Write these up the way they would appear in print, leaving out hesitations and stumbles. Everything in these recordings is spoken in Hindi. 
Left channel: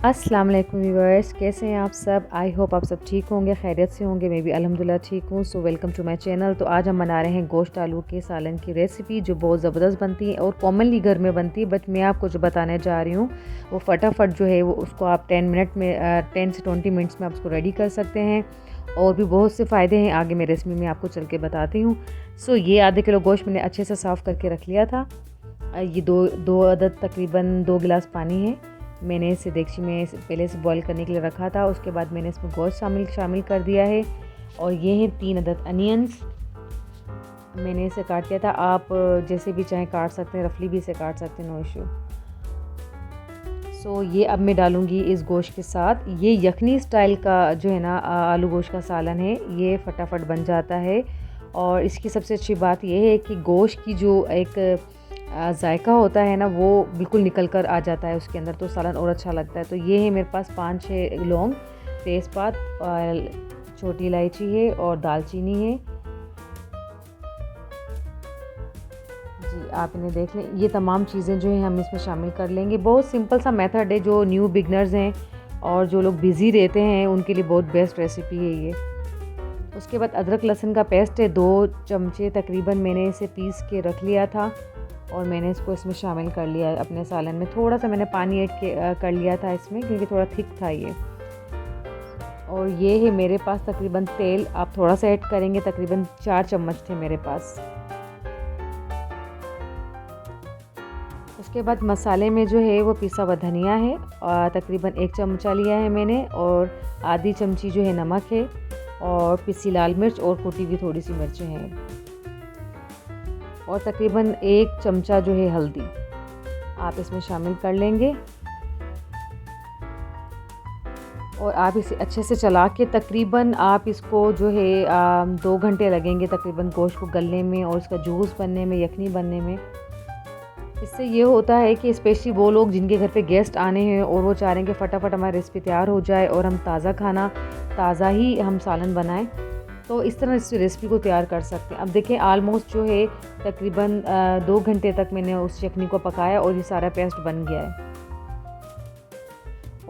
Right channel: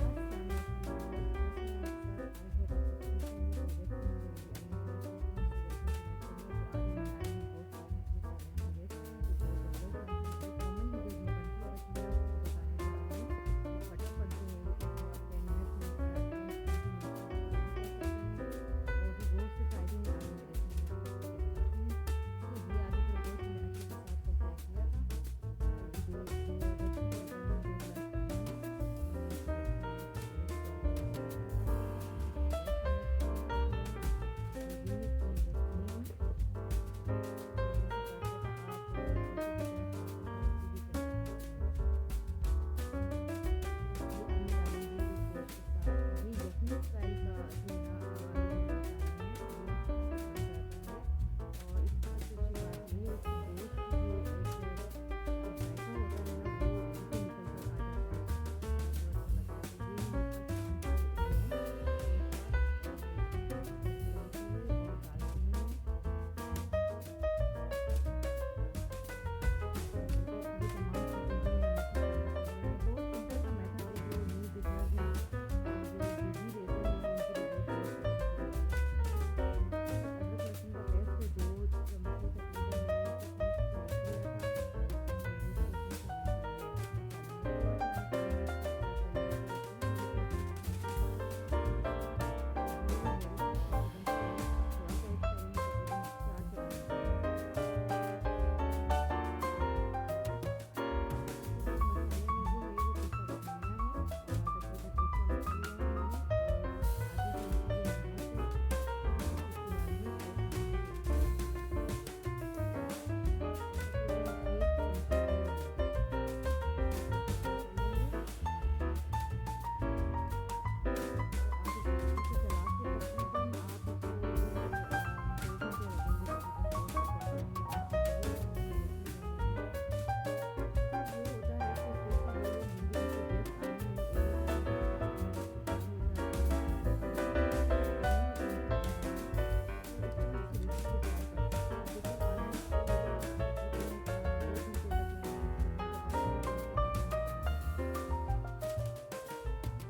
अस्सलाम वालेकुम व्यूअर्स, कैसे हैं आप सब। आई होप आप सब ठीक होंगे, खैरियत से होंगे। मैं भी अल्हम्दुलिल्लाह ठीक हूँ। So welcome to my channel. तो आज हम बना रहे हैं गोश्त आलू के सालन की रेसिपी, जो बहुत ज़बरदस्त बनती है और कॉमनली घर में बनती है। बट मैं आपको जो बताने जा रही हूँ वो फटाफट जो है वो उसको आप 10 से 20 मिनट्स में आप उसको रेडी कर सकते हैं। और भी बहुत से फ़ायदे हैं, आगे मैं रेसिपी में आपको चल के बताती हूँ। सो ये आधे किलो गोश्त मैंने अच्छे से साफ़ करके रख लिया था। ये दो दो अदद तकरीबन 2 गिलास पानी है। मैंने इसे देगची में पहले से बॉईल करने के लिए रखा था। उसके बाद मैंने इसमें गोश्त शामिल कर दिया है। और ये हैं 3 अदद अनियंस, मैंने इसे काट लिया था। आप जैसे भी चाहें काट सकते हैं, रफली भी इसे काट सकते हैं, नो इशू। सो ये अब मैं डालूँगी इस गोश्त के साथ। ये यखनी स्टाइल का जो है ना आलू गोश्त का सालन है, ये फटाफट बन जाता है। और इसकी सबसे अच्छी बात यह है कि गोश्त की जो एक जायका होता है ना, वो बिल्कुल निकल कर आ जाता है उसके अंदर, तो सालन और अच्छा लगता है। तो ये है मेरे पास 5-6 लौंग, तेज़पात, छोटी इलायची है और दालचीनी है। जी, आप इन्हें देख लें। ये तमाम चीज़ें जो हैं हम इसमें शामिल कर लेंगे। बहुत सिंपल सा मेथड है, जो न्यू बिगनर्स हैं और जो लोग बिज़ी रहते हैं उनके लिए बहुत बेस्ट रेसिपी है ये। उसके बाद अदरक लहसुन का पेस्ट है 2 चमचे तकरीबन, मैंने इसे पीस के रख लिया था और मैंने इसको इसमें शामिल कर लिया है अपने सालन में। थोड़ा सा मैंने पानी ऐड कर लिया था इसमें, क्योंकि थोड़ा थिक था ये। और ये है मेरे पास तकरीबन तेल, आप थोड़ा सा ऐड करेंगे, तकरीबन 4 चम्मच थे मेरे पास। उसके बाद मसाले में जो है वो पिसा हुआ धनिया है, तकरीबन 1 चमचा लिया है मैंने। और आधी चमची जो है नमक है, और पिसी लाल मिर्च और कुटी हुई थोड़ी सी मिर्चें हैं, और तकरीबन 1 चमचा जो है हल्दी आप इसमें शामिल कर लेंगे। और आप इसे अच्छे से चला के तकरीबन आप इसको जो है 2 घंटे लगेंगे तकरीबन गोश्त को गलने में और उसका जूस बनने में, यखनी बनने में। इससे ये होता है कि स्पेशली वो लोग जिनके घर पे गेस्ट आने हैं और वो चाह रहे हैं कि फटाफट हमारी रेसिपी तैयार हो जाए और हम ताज़ा खाना, ताज़ा ही हम सालन बनाएं, तो इस तरह इस रेसिपी को तैयार कर सकते हैं। अब देखें, आलमोस्ट जो है तकरीबन 2 घंटे तक मैंने उस चटनी को पकाया और ये सारा पेस्ट बन गया है।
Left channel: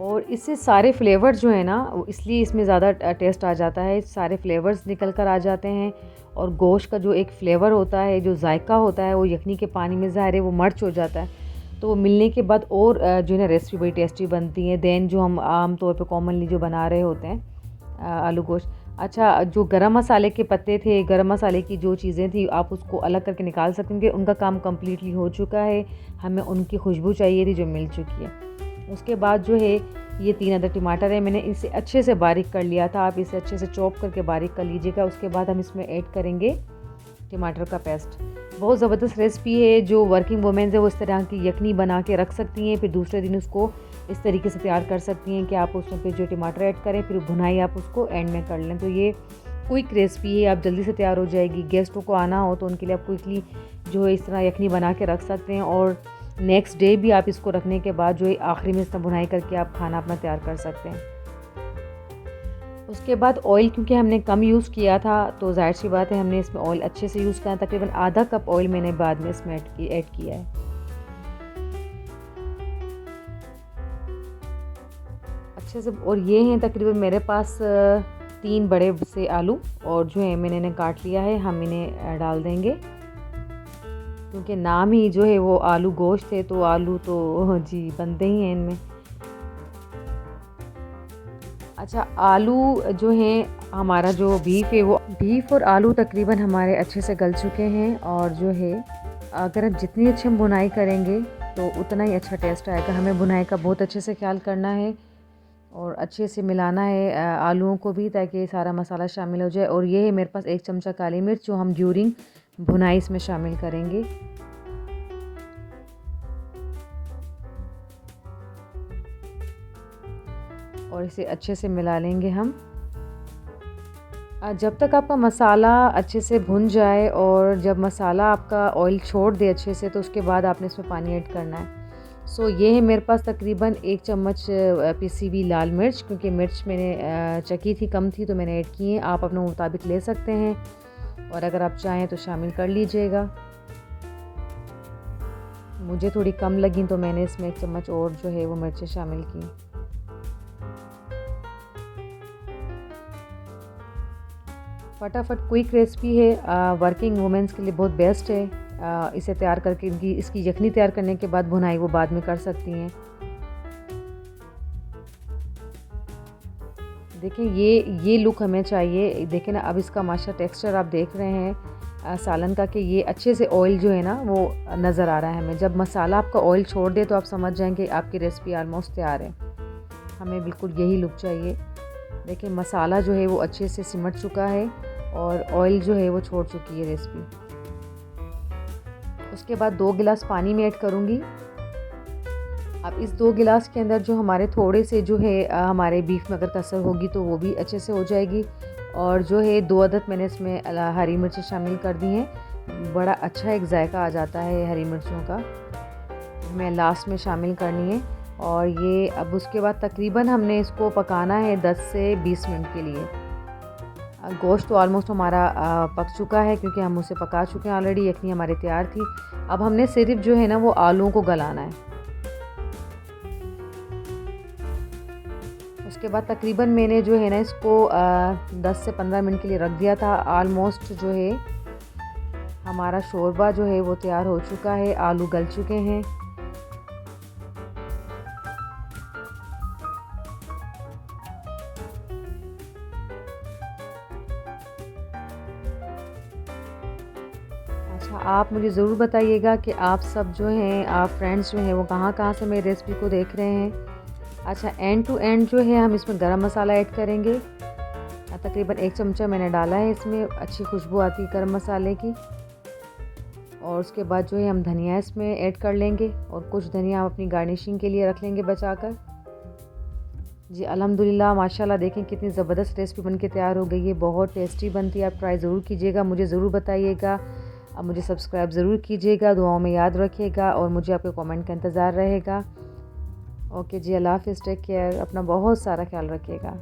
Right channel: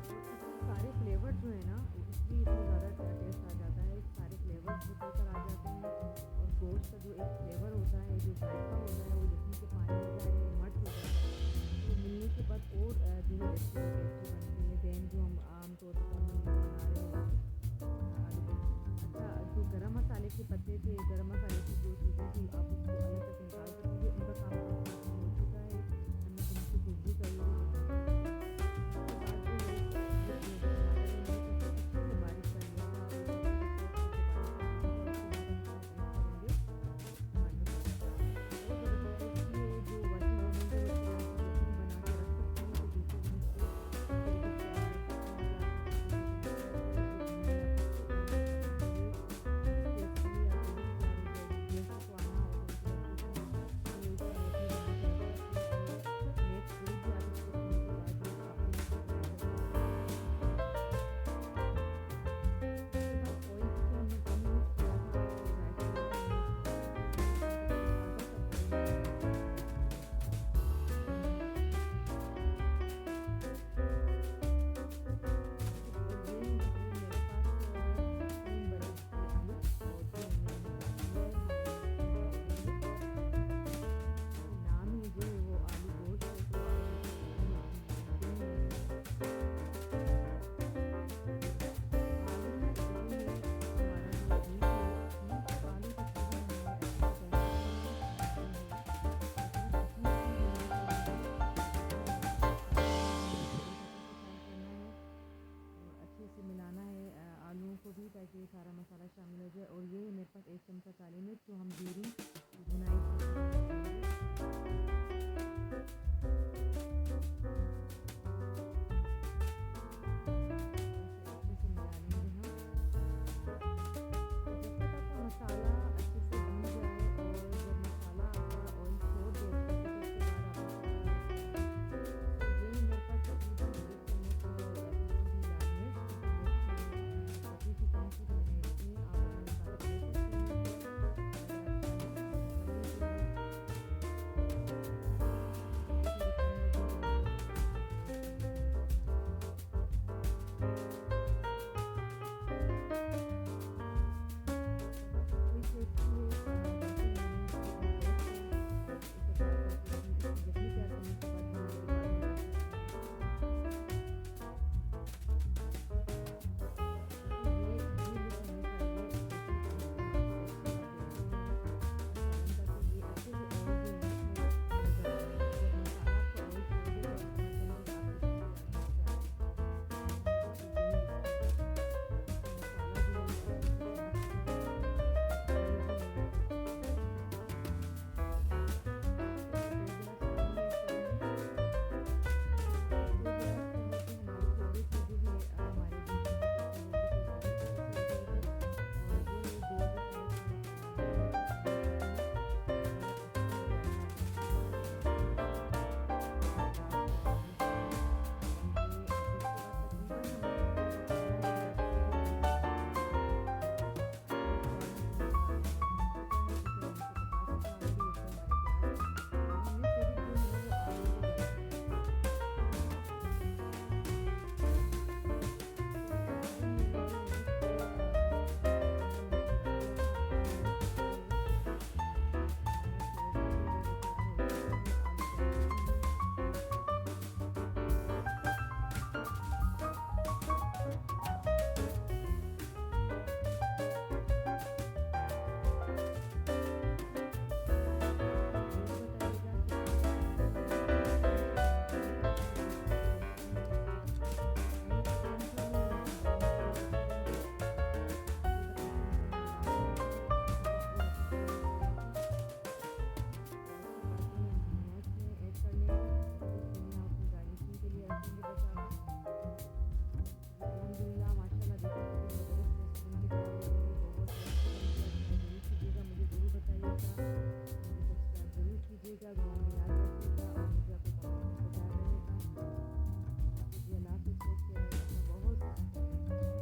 और इससे सारे फ्लेवर्स जो है ना, इसलिए इसमें ज़्यादा टेस्ट आ जाता है, सारे फ्लेवर्स निकल कर आ जाते हैं। और गोश्त का जो एक फ्लेवर होता है, जो जायका होता है, वो यखनी के पानी में ज़ाहिर है वो मर्च हो जाता है। तो वो मिलने के बाद और जो है ना रेसिपी बड़ी टेस्टी बनती है दैन जो हम आम तौर पे कॉमनली जो बना रहे होते हैं आलू गोश्त। अच्छा, जो गरम मसाले के पत्ते थे, गरम मसाले की जो चीज़ें थी, आप उसको अलग करके निकाल सकते हैं, क्योंकि उनका काम कम्प्लीटली हो चुका है। हमें उनकी खुशबू चाहिए थी जो मिल चुकी है। उसके बाद जो है ये 3 अदद टमाटर है, मैंने इसे अच्छे से बारीक कर लिया था। आप इसे अच्छे से चॉप करके बारीक कर लीजिएगा। उसके बाद हम इसमें ऐड करेंगे टमाटर का पेस्ट। बहुत ज़बरदस्त रेसिपी है, जो वर्किंग वुमेन्स है वो इस तरह की यखनी बना के रख सकती हैं, फिर दूसरे दिन उसको इस तरीके से तैयार कर सकती हैं कि आप उसमें फिर जो टमाटर ऐड करें, फिर भुनाई आप उसको एंड में कर लें। तो ये क्विक रेसिपी है, आप जल्दी से तैयार हो जाएगी। गेस्टों को आना हो तो उनके लिए आप क्विकली जो है इस तरह यखनी बना के रख सकते हैं, और नेक्स्ट डे भी आप इसको रखने के बाद जो है आखिरी में इसमें भुनाई करके आप खाना अपना तैयार कर सकते हैं। उसके बाद ऑयल, क्योंकि हमने कम यूज़ किया था तो जाहिर सी बात है हमने इसमें ऑयल अच्छे से यूज़ किया। तकरीबन आधा कप ऑयल मैंने बाद में इसमें ऐड किया है अच्छे से। और ये हैं तकरीबन मेरे पास 3 बड़े से आलू, और जो है मैंने इन्हें काट लिया है। हम इन्हें डाल देंगे, क्योंकि नाम ही जो है वो आलू गोश्त है, तो आलू तो जी बनते ही हैं इनमें। अच्छा, आलू जो है हमारा जो बीफ है, वो बीफ और आलू तकरीबन हमारे अच्छे से गल चुके हैं। और जो है अगर हम जितनी अच्छी हम भुनाई करेंगे तो उतना ही अच्छा टेस्ट आएगा। हमें भुनाई का बहुत अच्छे से ख्याल करना है और अच्छे से मिलाना है आलूओं को भी, ताकि सारा मसाला शामिल हो जाए। और ये है मेरे पास 1 चमचा काली मिर्च, जो हम ड्यूरिंग भुनाई इसमें शामिल करेंगे। और इसे अच्छे से मिला लेंगे हम जब तक आपका मसाला अच्छे से भुन जाए। और जब मसाला आपका ऑयल छोड़ दे अच्छे से, तो उसके बाद आपने इसमें पानी ऐड करना है। सो ये है मेरे पास तकरीबन 1 चम्मच पिसी हुई लाल मिर्च, क्योंकि मिर्च मैंने चखी थी, कम थी, तो मैंने ऐड की है। आप अपने मुताबिक ले सकते हैं, और अगर आप चाहें तो शामिल कर लीजिएगा। मुझे थोड़ी कम लगी तो मैंने इसमें 1 चम्मच और जो है वो मिर्चें शामिल की। फटाफट क्विक रेसिपी है, वर्किंग वुमेंस के लिए बहुत बेस्ट है। इसे तैयार करके इसकी यखनी तैयार करने के बाद भुनाई वो बाद में कर सकती हैं। देखिए ये लुक हमें चाहिए। देखिए ना, अब इसका माशा टेक्सचर आप देख रहे हैं सालन का, कि ये अच्छे से ऑयल जो है ना वो नज़र आ रहा है हमें। जब मसाला आपका ऑयल छोड़ दे तो आप समझ जाएंगे कि आपकी रेसिपी ऑलमोस्ट तैयार है। हमें बिल्कुल यही लुक चाहिए। देखिए मसाला जो है वो अच्छे से सिमट चुका है और ऑयल जो है वो छोड़ चुकी है रेसिपी। उसके बाद 2 गिलास पानी में ऐड करूँगी। अब इस 2 गिलास के अंदर जो हमारे थोड़े से जो है हमारे बीफ में अगर कसर होगी तो वो भी अच्छे से हो जाएगी। और जो है 2 अदद मैंने इसमें हरी मिर्ची शामिल कर दी हैं। बड़ा अच्छा एक जायका आ जाता है हरी मिर्चों का। मैं लास्ट में शामिल करनी है। और ये अब उसके बाद तकरीबन हमने इसको पकाना है 10 से 20 मिनट के लिए। गोश्त तो ऑलमोस्ट हमारा पक चुका है, क्योंकि हम उसे पका चुके हैं ऑलरेडी। यखनी हमारी तैयार थी। अब हमने सिर्फ जो है ना वो आलूओं को गलाना है। उसके बाद तकरीबन मैंने जो है ना इसको 10 से 15 मिनट के लिए रख दिया था। ऑलमोस्ट जो है हमारा शोरबा जो है वो तैयार हो चुका है, आलू गल चुके हैं। अच्छा, आप मुझे ज़रूर बताइएगा कि आप सब जो हैं, आप फ्रेंड्स जो हैं वो कहाँ से मेरी रेसिपी को देख रहे हैं। अच्छा, एंड टू एंड जो है हम इसमें गरम मसाला ऐड करेंगे। तकरीबन 1 चमचा मैंने डाला है इसमें, अच्छी खुशबू आती है गरम मसाले की। और उसके बाद जो है हम धनिया इसमें ऐड कर लेंगे, और कुछ धनिया हम अपनी गार्निशिंग के लिए रख लेंगे बचाकर। जी अल्हम्दुलिल्लाह, माशाल्लाह, देखें कितनी ज़बरदस्त रेसिपी बनके तैयार हो गई है। बहुत टेस्टी बनती है। आप ट्राई ज़रूर कीजिएगा, मुझे ज़रूर बताइएगा। अब मुझे सब्सक्राइब ज़रूर कीजिएगा, दुआओं में याद रखिएगा, और मुझे आपके कमेंट का इंतज़ार रहेगा। ओके जी, अल्लाह हाफ़िज़, टेक केयर, अपना बहुत सारा ख्याल रखिएगा।